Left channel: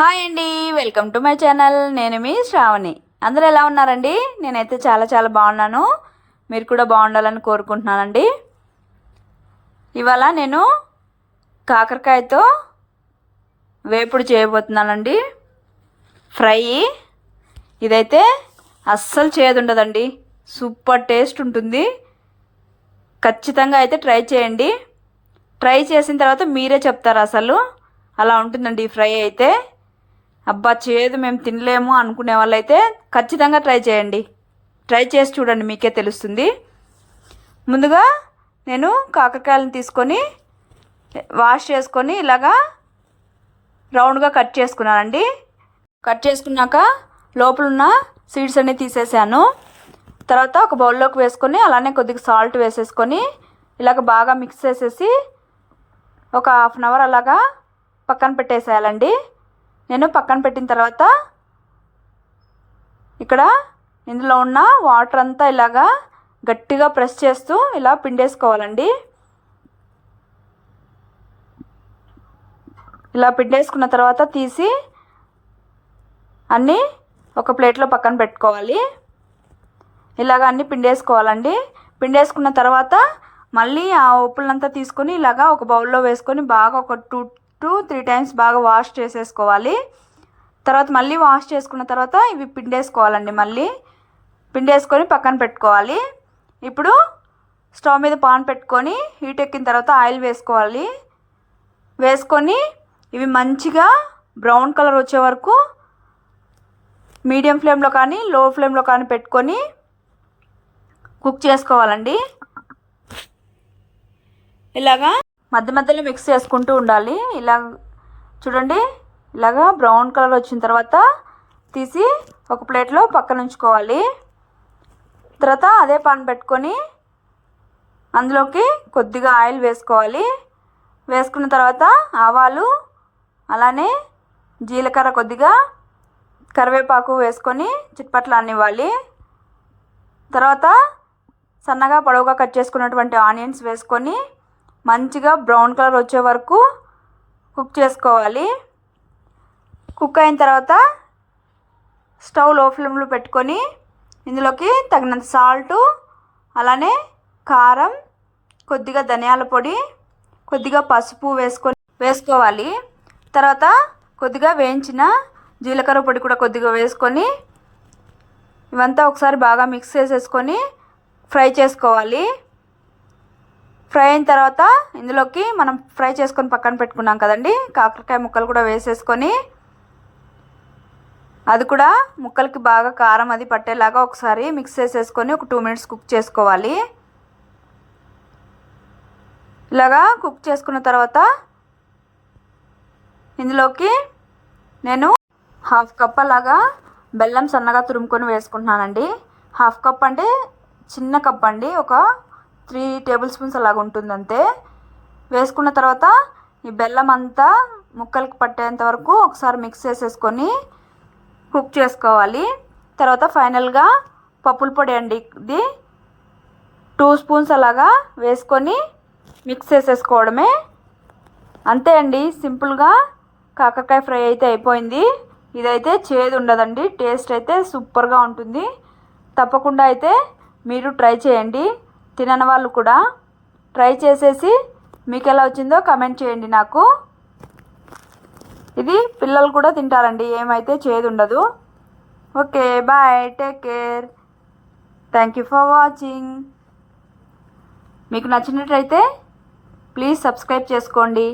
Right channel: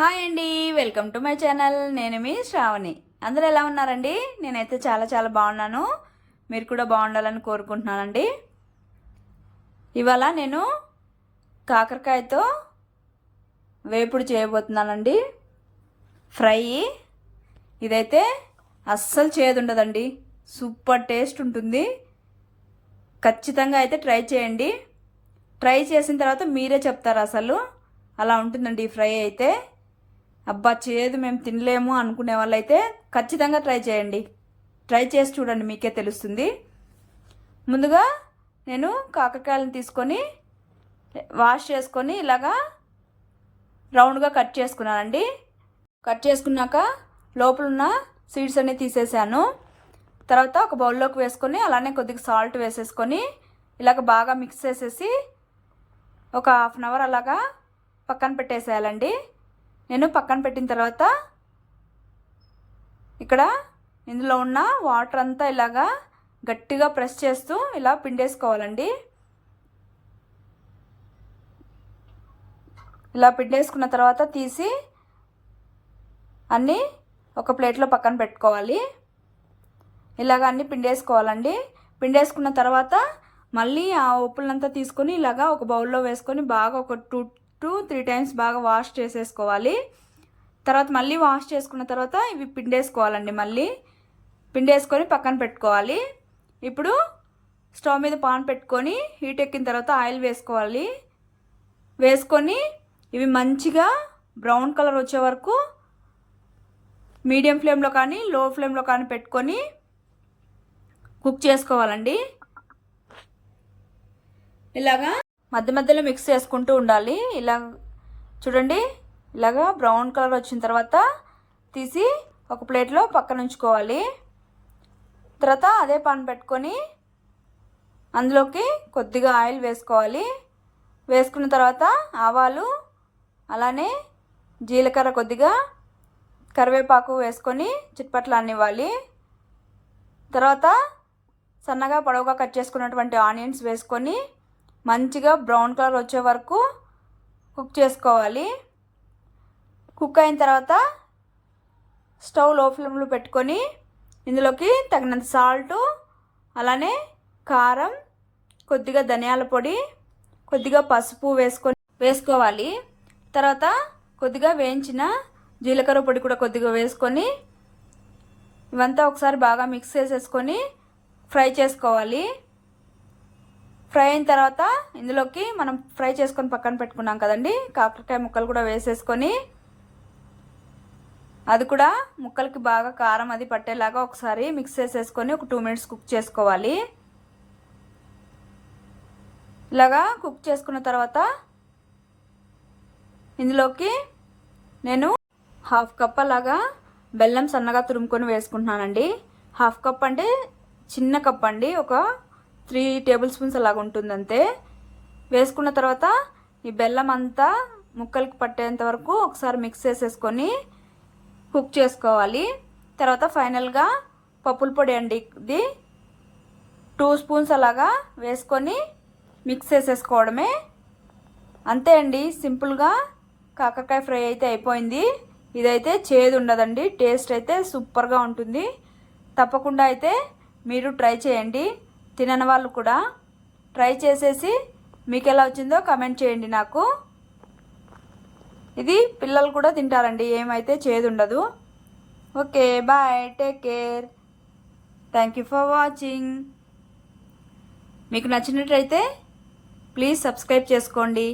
Hi అండి, welcome to my channel. నేను మీ శ్రావణి. అందరూ ఎలా ఉన్నారండి? నేనైతే చాలా చాలా బాగున్నాను. మీరు కూడా బాగుండాలని కోరుకుంటున్నానండి. ఇవాళ నేను కాకరకాయతో వేపుడు చేయబోతున్నానండి. ఫ్రై. ఇదైతే అస్సలు చేదుండదండి, సూపర్ టేస్ట్ ఉంటుంది. ఖచ్చితంగా అయితే ట్రై చేయండి. ట్రై చేసిన తర్వాత మీరే చెప్తారు అసలు అలా ఉంటుందండి ఈ ఫ్రై అయితే. అబ్బా చేదు మేము తినలేము అనుకునే వాళ్ళైతే ఖచ్చితంగా ట్రై చేయండి. ట్రై చేసి చూడండి, మీకే తెలుస్తుంది. ముందుగా నేను కాకరకాయలను తీసుకొని వాష్ చేసుకొని ఇలాగా రౌండ్గా కట్ చేసుకున్నానండి. కట్ చేసుకున్నాక లోపల ఉన్న సీడ్స్ అన్నీ తీసేసాను. తర్వాత ఒక బౌల్లోకి వేసుకొని అలానే కొద్దిగా సాల్ట్ వేసేసుకొని ఇలాగ బాగా మిక్స్ చేసేసి ఒక హాఫ్ అన్ అవర్ అలాగా పక్కన పెట్టేసేయాలండి. నేను పక్కన పెట్టిన తర్వాత ఇక్కడ ఇందులో ఉన్న వాటర్ అంతా ఇలాగా గట్టిగా ప్రెస్ చేస్తూ ఇలా పిండేసుకోవాలండి. ఇలా పిండేసుకున్న తర్వాత తీసి అన్నీ ఒక ప్లేట్లో పక్కన పెట్టుకోవాలి. ఇలాగ అన్నీ పిండేసుకోవాలండి. పిండేసుకున్న తర్వాత మళ్ళీ ఆ ఉప్పులంతా తీసుకొని ఇలాగా ఒక బౌల్లో వేసుకొని బాగా ఒక 2 to 3 టైమ్స్ బాగా వాష్ చేసేసుకోవాలి. తర్వాత మళ్ళీ వాష్ చేసుకున్న తర్వాత ఇవి పిండేసుకోవాలండి. మళ్ళీ పిండేసుకొని పక్కన పెట్టుకోవాలి. ఇప్పుడు స్టవ్ మీద పాన్ పెట్టుకొని హీట్ ఎక్కిన తర్వాత ఆయిల్ వేసుకోవాలి. వేసుకొని ఇవి మంచిగా బ్రౌన్ కలర్ వచ్చే వరకు మీడియం ఫ్లేమ్లో కానీ లో ఫ్లేమ్లో కానీ పెట్టుకొని కుక్ చేసుకోవాలండి. ఇలాగా మధ్య మధ్యలో మిక్స్ చేసుకుంటూ ఉండాలి. ఇలా చూడండి, ఇలాగా బ్రౌన్ కలర్ వచ్చిన తర్వాత తీసి ఒక ప్లేట్లో పక్కన ఉంచుకోవాలి. తర్వాత అదే పాన్ పెట్టుకొని అందులోకి కొద్దిగా ఆయిల్ వేసుకోవాలి. వేసుకున్న తర్వాత ఆవాలు అలానే జీలకర్ర కొద్దిగా కరివేపాకు వేసుకొని చిట్పట్లు అన్నివ్వాలి. తర్వాత సన్నగా పొడవుగా కట్ చేసుకున్నటువంటి ఆనియన్స్ వేసుకొని మంచిగా బ్రౌన్ కలర్ వచ్చే వరకు కుక్ చేసుకోవాలి. కుక్ అయిన తర్వాత స్టవ్ లో ఫ్లేమ్లో పెట్టుకొని ఇందులోకి తగినంత సాల్టు అలానే కారం, కొద్దిగా ధనియాల పొడి, కొద్దిగా పసుపు వేసుకోవాలి. తర్వాత కొద్దిగా వేయించిన జీలకర్ర పొడి కూడా కొద్దిగా వేసుకొని ఇవంతా ఒకసారి బాగా మిక్స్ చేసేసుకొని ఫ్రై చేసుకోవాలి. ఫ్రై అయిన తర్వాత ఇందులోకి మనం ఫ్రై చేసుకొని పక్కన పెట్టుకున్నాం కదండి, కాకరకాయ ముక్కలు కూడా వేసేసుకొని అది కూడా ముక్కలకి బాగా కారం అది పట్టేలాగా ఒకసారి మిక్స్ చేసేసుకొని ఒక 2 minutes కుక్ చేసుకోవాలి. ఇలాగా కుక్ చేసుకున్న తర్వాత ఇందులోకి నేను 1/2 కప్ అలాగా బెల్లం సన్నగా తురుముకొని వేసుకుంటున్నానండి. 1/2 కప్ అంటే చిన్న కప్ అండి, ఒక 3 టేబుల్ స్పూన్స్ అలాగ ఉంటుంది అంతే. వేసుకున్న తర్వాత ఈ బెల్లం అంతా ముక్కలకి పట్టేంత వరకు ఒకసారి మిక్స్ చేసేసుకొని కుక్ చేసుకోవాలి. తర్వాత ఫైనల్గా పప్పుల పొడి అండి, ఇది 2 స్పూన్స్ అలాగా వేసుకొని మిక్స్ చేసేసుకోవడమే. అంతే అండి, సింపుల్గా కాకరకాయ ఫ్రై అయితే అయిపోయింది. ఇదైతే చేదు ఉండదండి, టేస్ట్ అయితే సూపర్గా ఉంటుంది. తప్పకుండా అయితే మీరు ట్రై చేయండి. తినని వాళ్ళు కూడా ట్రై చేసేసి మీకు ఎలా వచ్చిందో కామెంట్ చేయండి నాకు. ఇది పిల్లలు కూడా తింటారండి, ఏమైతే చేదు ఉండదు. Okay, bye, take care, thank you for watching. మీకు నచ్చినట్లయితే ప్లీజ్ సబ్స్క్రైబ్ చేసుకోండి.